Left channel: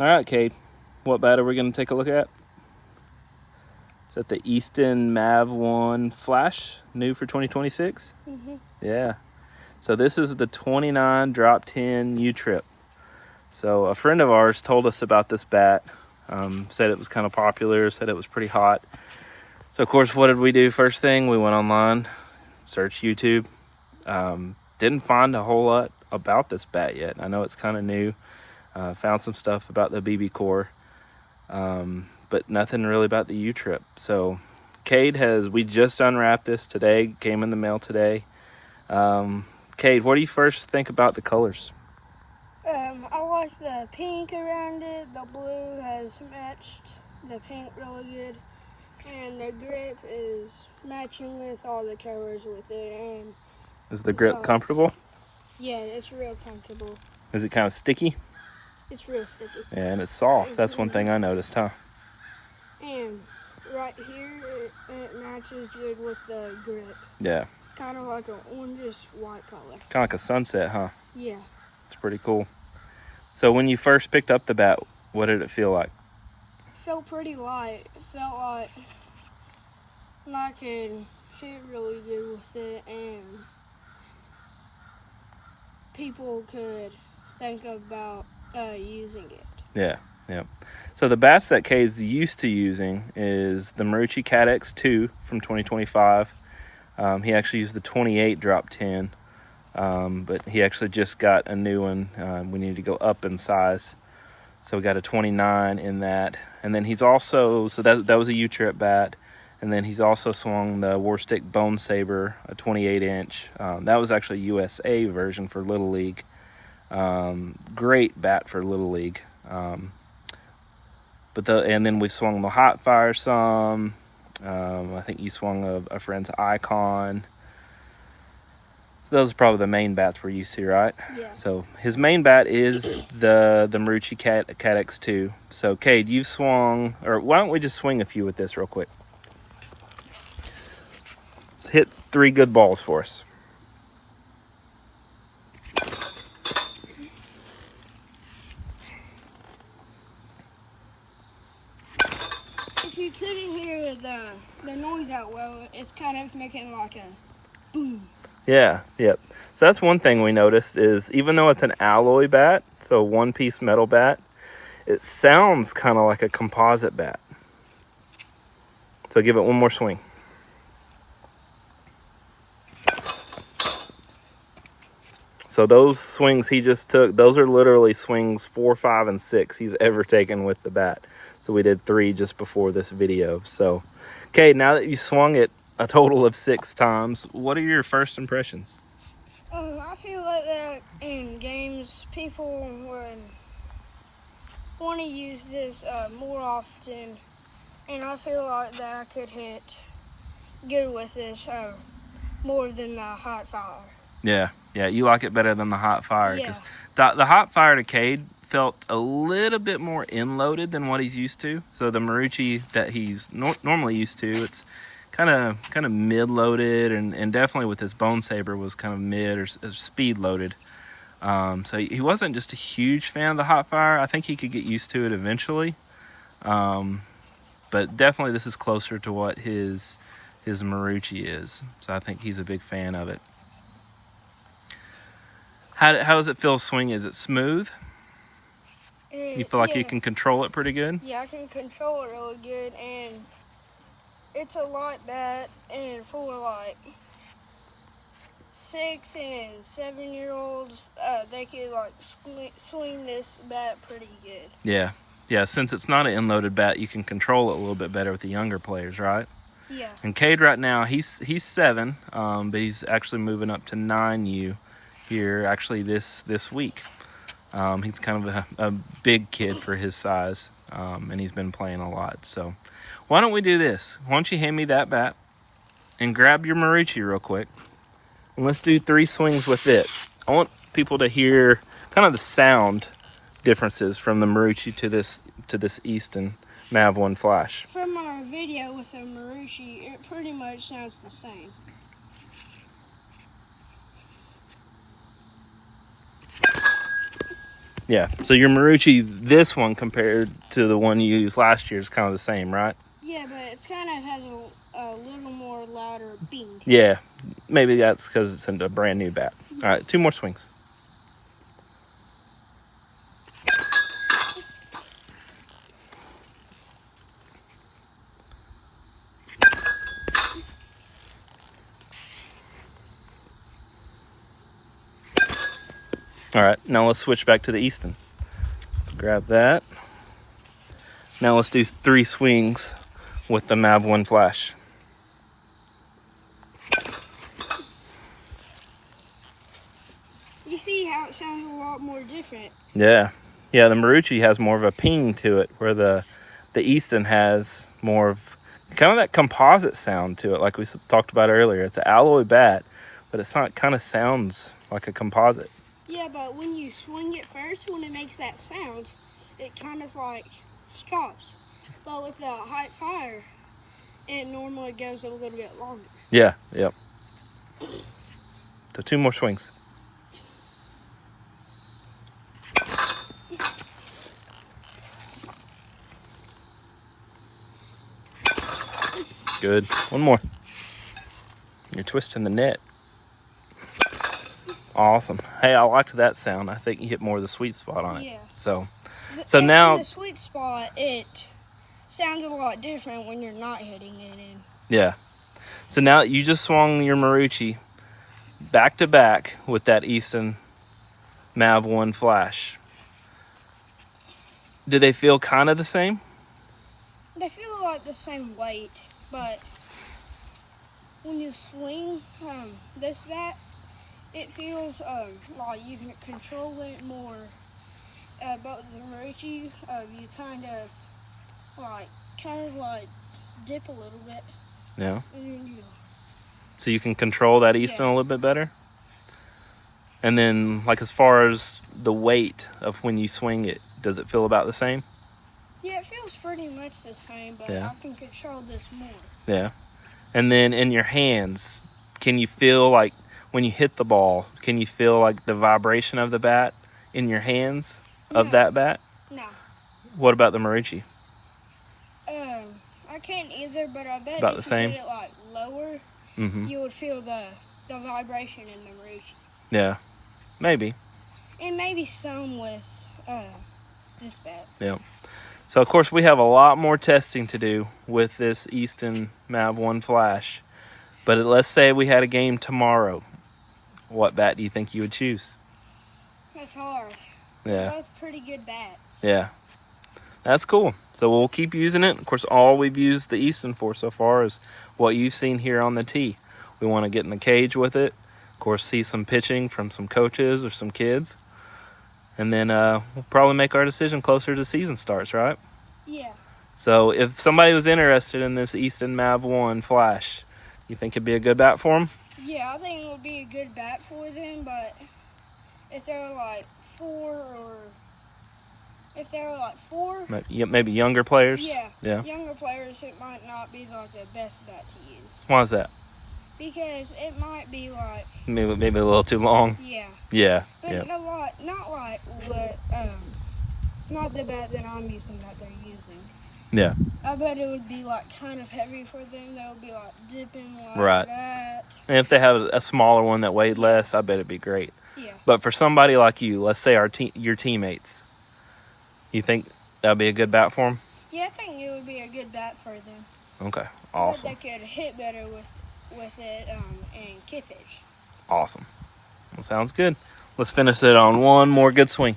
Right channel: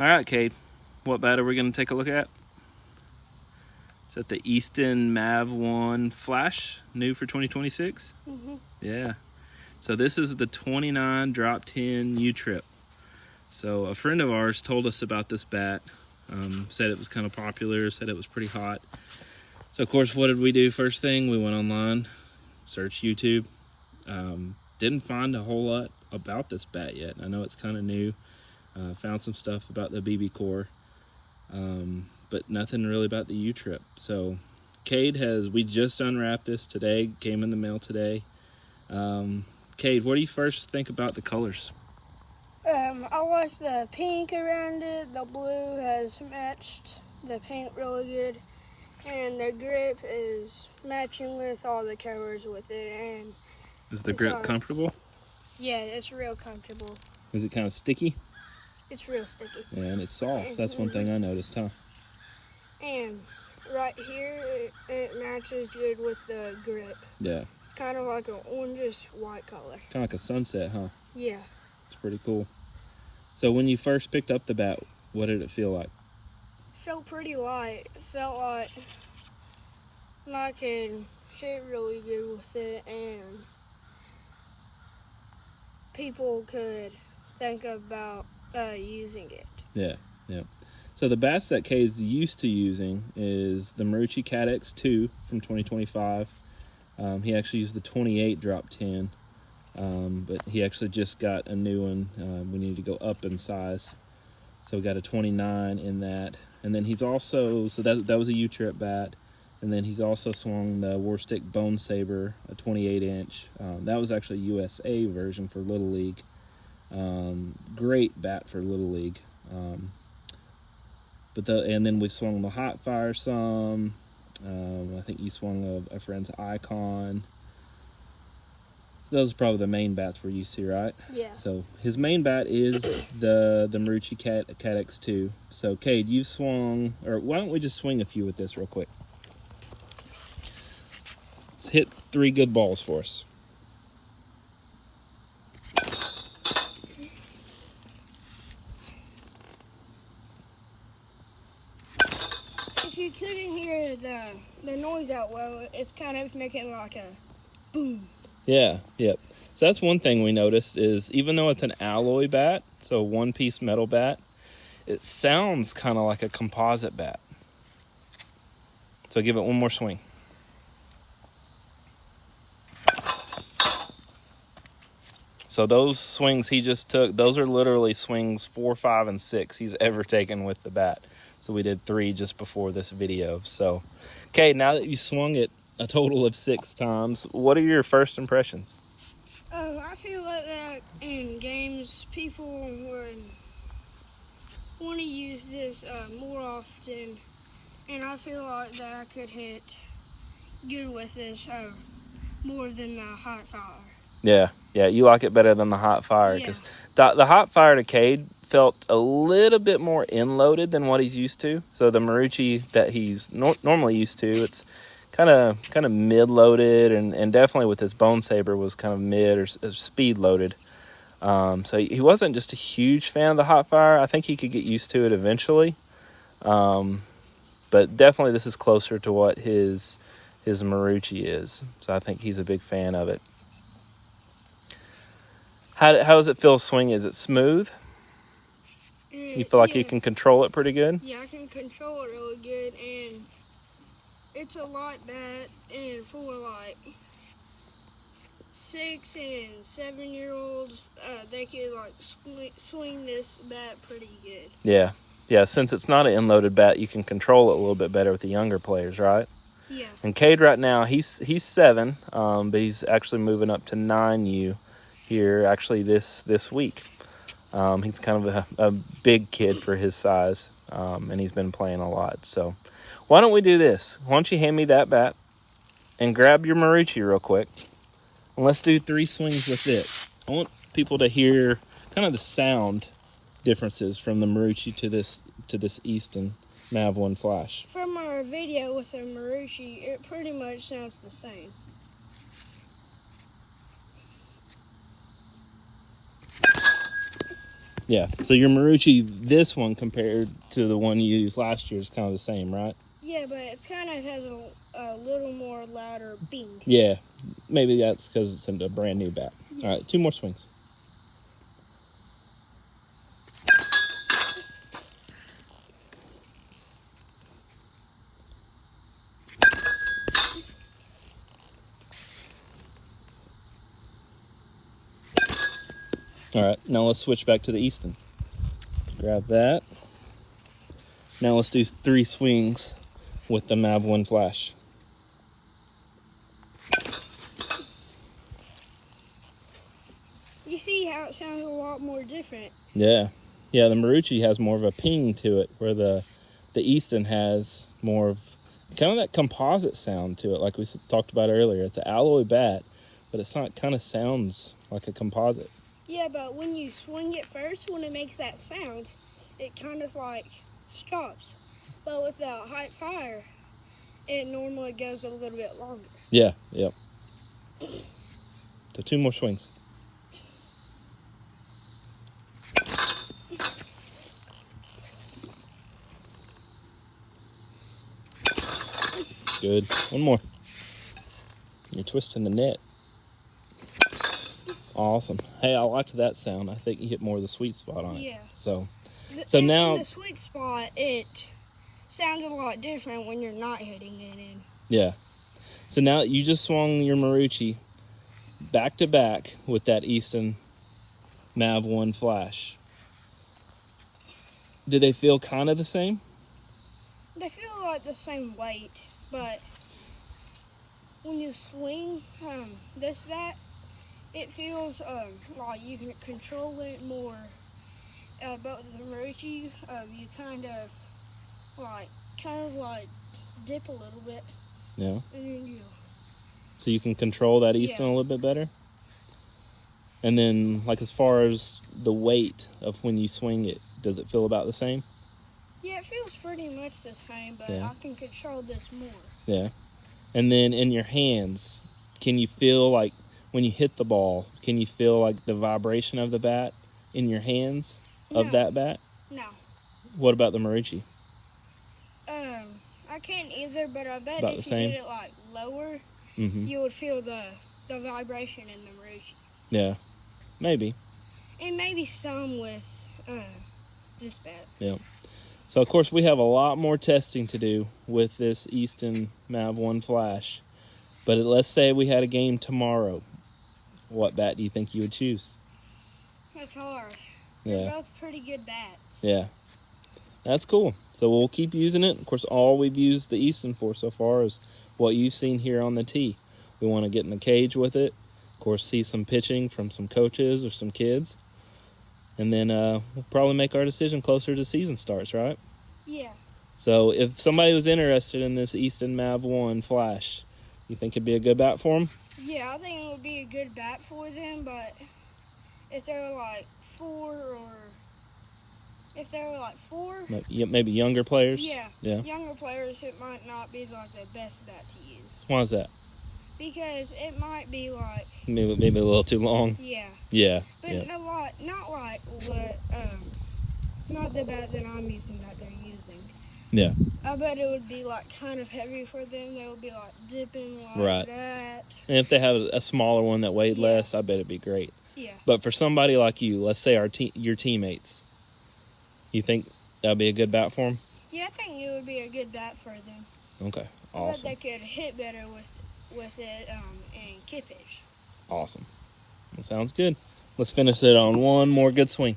All right, Cade, what bat are we going to take a look at? Is that the Easton Mav1 Flash, new for 2026? Mm-hmm. Yeah. So this is the 29 drop 10 U-trip. So a friend of ours told us about this bat, said it was kind of popular, said it was pretty hot. So of course, what did we do first thing? We went online, searched YouTube. Didn't find a whole lot about this bat yet. I know it's kind of new. Found some stuff about the BB core, but nothing really about the U-trip. So Cade we just unwrapped this today, came in the mail today. Cade, what do you first think about the colors? I like the pink around it. The blue has matched the pink really good. And the grip is matching with all the colors with it. And is the grip comfortable? Yeah, it's real comfortable. Is it kind of sticky? It's real sticky. Yeah, and it's soft. That's one thing I noticed, huh? And right here, it matches good with the grip. Yeah. It's kind of like an orangish white color. Kind of like a sunset, huh? Yeah. It's pretty cool. So when you first picked up the bat, what did it feel like? Felt pretty light. It felt like I could hit really good with it, and people could think about using it. Yeah, yeah. So the bats that Cade's used to using is the Marucci Cat X2 from 2025. He actually used the 28 drop 10, but he actually just got a new one. We need to go up in size. So we got a 29 in that. And then he's also, so that was a U-trip bat. And then he's also swung the Warstick Bone Saber, a 28 inch. That was actually a USA version for Little League. Great bat for Little League. And then we swung the Hot Fire some. I think you swung a friend's Icon. Those are probably the main bats we're used to, right? Yeah. So his main bat is the Marucci Cat X2. So Cade, you've swung, or why don't we just swing a few with this real quick? Let's hit 3 good balls for us. If you couldn't hear the noise out well, it's kind of making like a boom. Yeah, yep. So that's one thing we noticed is even though it's an alloy bat, so one-piece metal bat, it sounds kind of like a composite bat. So give it one more swing. So those swings he just took, those are literally swings 4, 5, and 6 he's ever taken with the bat. So we did 3 just before this video. So, okay, now that you swung it a total of 6 times, what are your first impressions? I feel like that in games, people would want to use this more often, and I feel like that I could hit good with this more than the Hot Fire. Yeah, you like it better than the Hot Fire, because the Hot Fire to Cade felt a little bit more in-loaded than what he's used to. So the Marucci that he's normally used to, it's kind of mid-loaded, and definitely with his Bone Saber was kind of mid or speed-loaded. So he wasn't just a huge fan of the Hot Fire. I think he could get used to it eventually, but definitely this is closer to what his Marucci is. So I think he's a big fan of it. How does it feel swing? Is it smooth? You feel like you can control it pretty good? Yeah, I can control it really good, and it's a light bat, and for like 6 and 7-year-olds, they can like swing this bat pretty good. Yeah. Since it's not an in-loaded bat, you can control it a little bit better with the younger players, right? Yeah. And Cade right now, he's 7, but he's actually moving up to 9U here actually this week. He's kind of a big kid for his size, and he's been playing a lot. So why don't we do this? Why don't you hand me that bat and grab your Marucci real quick, and let's do 3 swings with it. I want people to hear kind of the sound differences from the Marucci to this Easton Mav1 Flash. From our video with the Marucci, it pretty much sounds the same. Yeah. So your Marucci, this one compared to the one you used last year, is kind of the same, right? Yeah, but it kind of has a little more louder bing. Yeah. Maybe that's because it's a brand new bat. All right, 2 more swings. All right, now let's switch back to the Easton. So grab that. Now let's do 3 swings with the Mav1 Flash. You see how it sounds a lot more different. Yeah. Yeah, the Marucci has more of a ping to it, where the Easton has more of kind of that composite sound to it, like we talked about earlier. It's an alloy bat, but it's not, kind of sounds like a composite. Yeah, but when you swing it first, when it makes that sound, it kind of like stops. But with the hot fire, it normally goes a little bit longer. Yeah, yep. So 2 more swings. Good. 1 more. You're twisting the net. Awesome. Hey, I liked that sound. I think you hit more of the sweet spot on it. Yeah. So In now the sweet spot, it sounds a lot different when you're not hitting it in. Yeah. So now you just swung your Marucci back to back with that Easton Mav1 Flash. Do they feel kind of the same? They feel like the same weight, but when you swing this bat, it feels like you can control it more. But with the Marucci, you kind of dip a little bit. Yeah. And then So you can control that Easton a little bit better? And then, like, as far as the weight of when you swing it, does it feel about the same? yeah, it feels pretty much the same, but Yeah. I can control this more. Yeah. And then in your hands, can you feel, like, when you hit the ball, can you feel, like, the vibration of the bat in your hands of that bat? No. What about the Marucci? I can't either, but I bet About if the same? you did it like lower, Mm-hmm. you would feel the vibration in the Marucci. Yeah. Maybe. And maybe some with this bat. Yeah. So, of course, we have a lot more testing to do with this Easton Mav1 Flash. But let's say we had a game tomorrow. What bat do you think you would choose? That's hard. Yeah. They're both pretty good bats. Yeah. That's cool. So we'll keep using it. Of course, all we've used the Easton for so far is what you've seen here on the tee. We want to get in the cage with it. Of course, see some pitching from some coaches or some kids. And then we'll probably make our decision closer to season starts, right? Yeah. So if somebody was interested in this Easton Mav1 Flash, you think it'd be a good bat for them? Yeah, I think it would be a good bat for them, but if they were like 4 Maybe younger players? yeah, Yeah. younger players, it might not be like the best bat to use. Why is that? Because it might be like, Maybe a little too long? yeah. Yeah. But Yeah. not like what, not the bat that I'm using, that they're using. Yeah. I bet it would be like kind of heavy for them. They would be like dipping like Right. that. And if they have a smaller one that weighed less, I bet it'd be great. Yeah. But for somebody like you, let's say your teammates, you think that'd be a good bat for them? Yeah, I think it would be a good bat for them. Okay. I Awesome. bet they could hit better with it and kick pitch. Awesome. Well, sounds good. Let's finish it on one more good swing.